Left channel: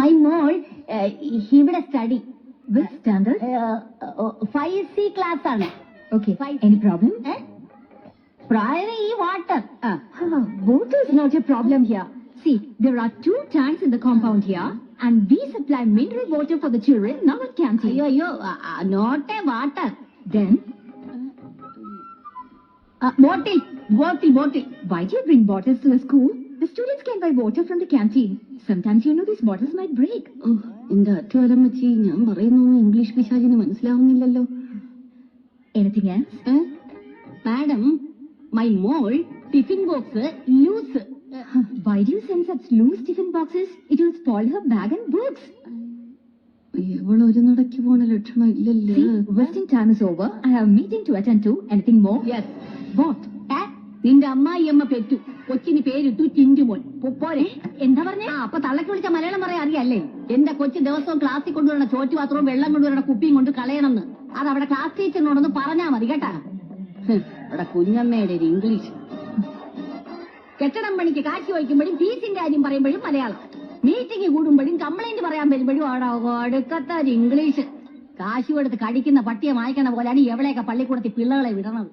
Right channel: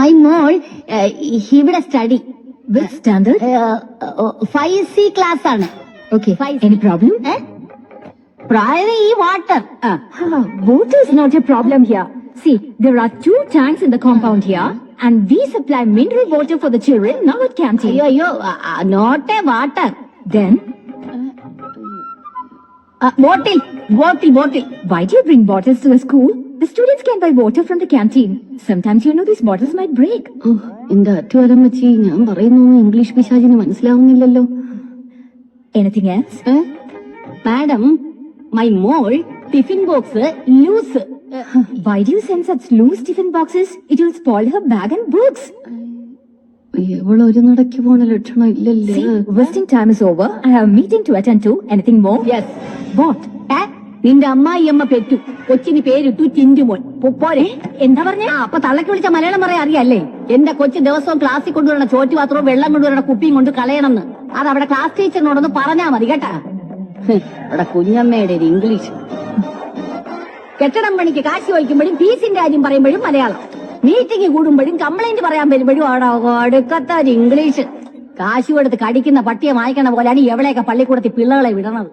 My മോൾ ഇവിടെ study Which standard? Five C class ആണ് Okay. Five. Any problem? പ്രായം ഈ water Ah, water is not a problem here. See, there are two tanks in the compound here, and we supply mineral water for the children now at canteen. അയ്യോ അയ്യോ not a water Then, bottle bottle bottle why do you bring bottles to the school? The students can buy water from the canteen. Sometimes you know these bottles might break. എന്റെ അറ്റുവരം വെച്ച് ഞാൻ പറയുന്നു English പിശാചിന് മനസ്സിലാവുന്നില്ലല്ലോ Anything else? Madam my mall tiffin box loose Why do you send such loose tiffin boxes? It will spoil her bag and books. ഇവളൊരു നടക്ക് പോണ ലക്ഷണം ഇല്ലല്ലേ See, wasting time is over. I have a meeting to attend to. Anything more? Yes What? നിന്റെ അമ്മായിയമ്മ പെറ്റു. കൊച്ചിന് പേരിട്ടു ചിഞ്ചുമോൻ. പോരെ. എന്താ പറഞ്ഞ? അപ്പൊ തള്ളക്ക് വിളിച്ച മലയാളം പറയാൻ അറിയല്ലേ? എന്റെ കൊച്ചു ദിവസവും ക്ലാസ്സിൽ കൊണ്ടുവരണ ചോറ്റു പാത്രവും വെള്ളം കൊണ്ടുവരണ കുപ്പിയും കൊണ്ട് കളയണമെന്ന്. അത് അവിടെ ക്ലാസ് ടീച്ചറിനോടൊന്ന് പറഞ്ഞാ മതി കേട്ടാ? അവിടെ കുഞ്ഞമ്മയുടെ ഒരു ഇംഗ്ലീഷ് കെട്ടിടം പണിക്ക് കാശി വഹിക്കുമ്പോഴും ഫീസിന്റെ കാര്യം പറയുമ്പോഴും മലയാളം. മീറ്റിംഗ് കൂടുമ്പോഴും കംപ്ലൈന്റ് പറയാൻ വരുമ്പോഴും അവിടെ അടുക്കത്ത ഒരു ഇംഗ്ലീഷ് കാശു കൊടുത്ത് കടിക്കുന്ന പട്ടിയെ വായിക്കണ പോലെയാണ് എവിടെയൊക്കെ പള്ളിക്കൂടത്തിൽ പിള്ളകളെ വിടണത്.